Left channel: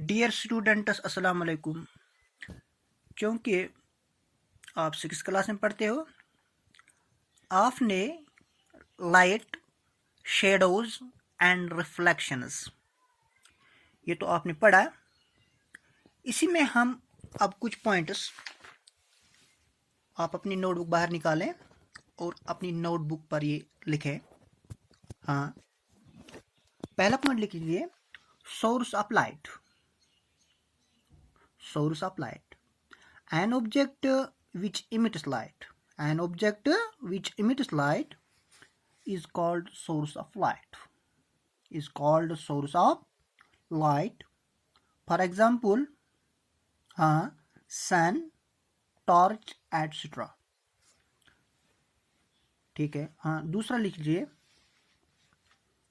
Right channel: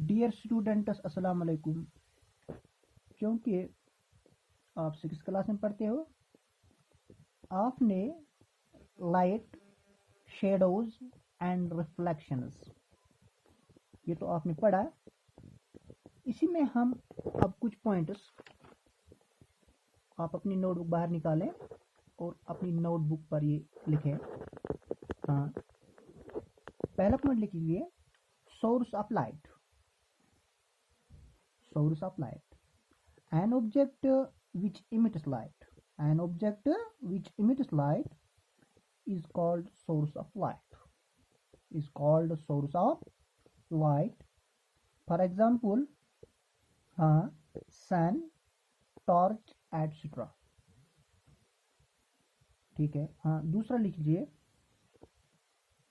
Dear students अस्सलाम वालेकुम। क्योंकि आप 6 क्लास में पढ़ते हो, आपने लाइट, शेडोज एंड रिफ्लेक्शंस ये तो आपने पढ़ा। इसी में हम अब कुछ पॉइंट्स, आप अपनी नोटबुक बाहर निकालें और अपनी नोटबुक पर ये लिखें। हाँ, पहला पॉइंट लिख लीजिए, source of light. Source of light. An object which emits light. An object which emits light is called source of light. Is called source of light. For example, sun, torch, etc. ठीक है। हाँ, दूसरा लिख लीजिए,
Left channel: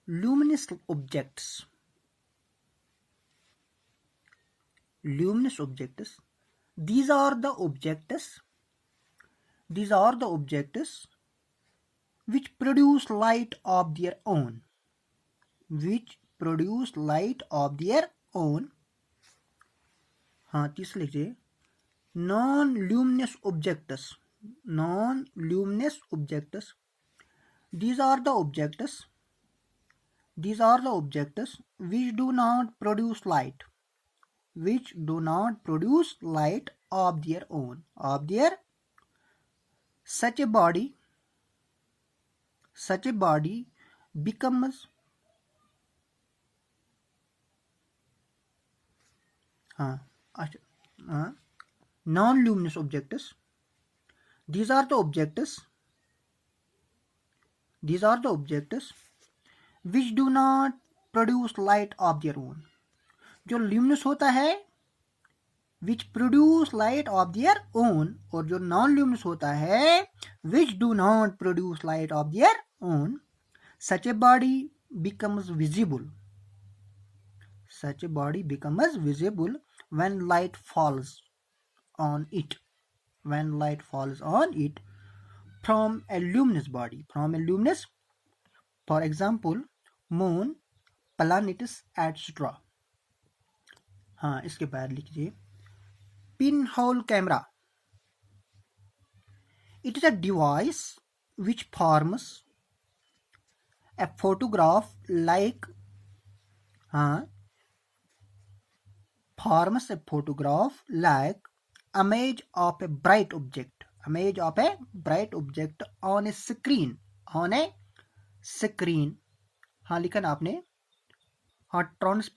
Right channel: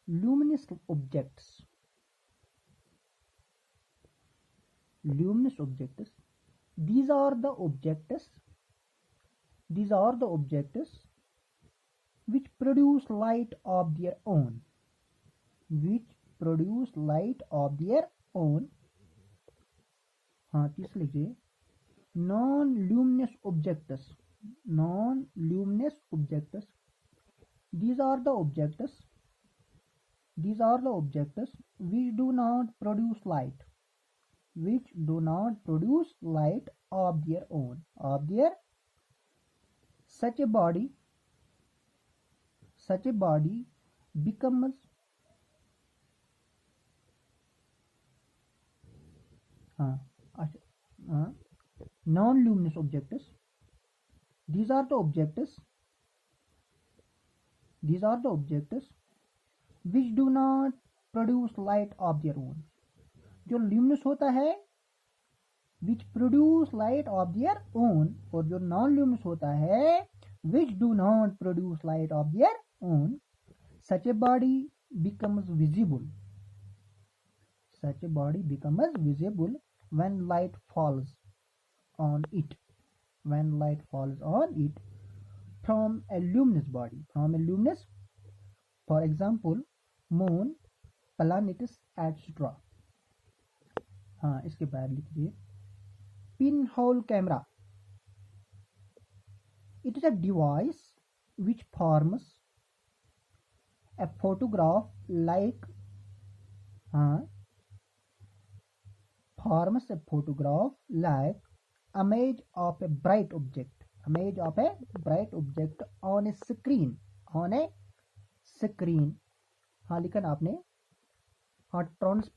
luminous objects. Luminous objects. These are the objects which produce light of their own. Which produce light of their own. हाँ, तीसरा लिखिए, non-luminous objects. Non-luminous objects. These are the objects which do not produce light. Which do not produce light of their own. Such a body becomes non-luminous objects. These are the objects which do not produce light of their own. जो luminous होता है which produce light of their own, और जो non-luminous होता है which do not produce light of their own. Such a body becomes visible. When light falls on it. From a luminous body. For example, moon, planets, etc. हाँ, इसके बाद लिखिए, pinhole camera. It is a device which forms a photograph like image of a bright object. On a screen. हाँ, लिखा ना आपने। हाँ, transparent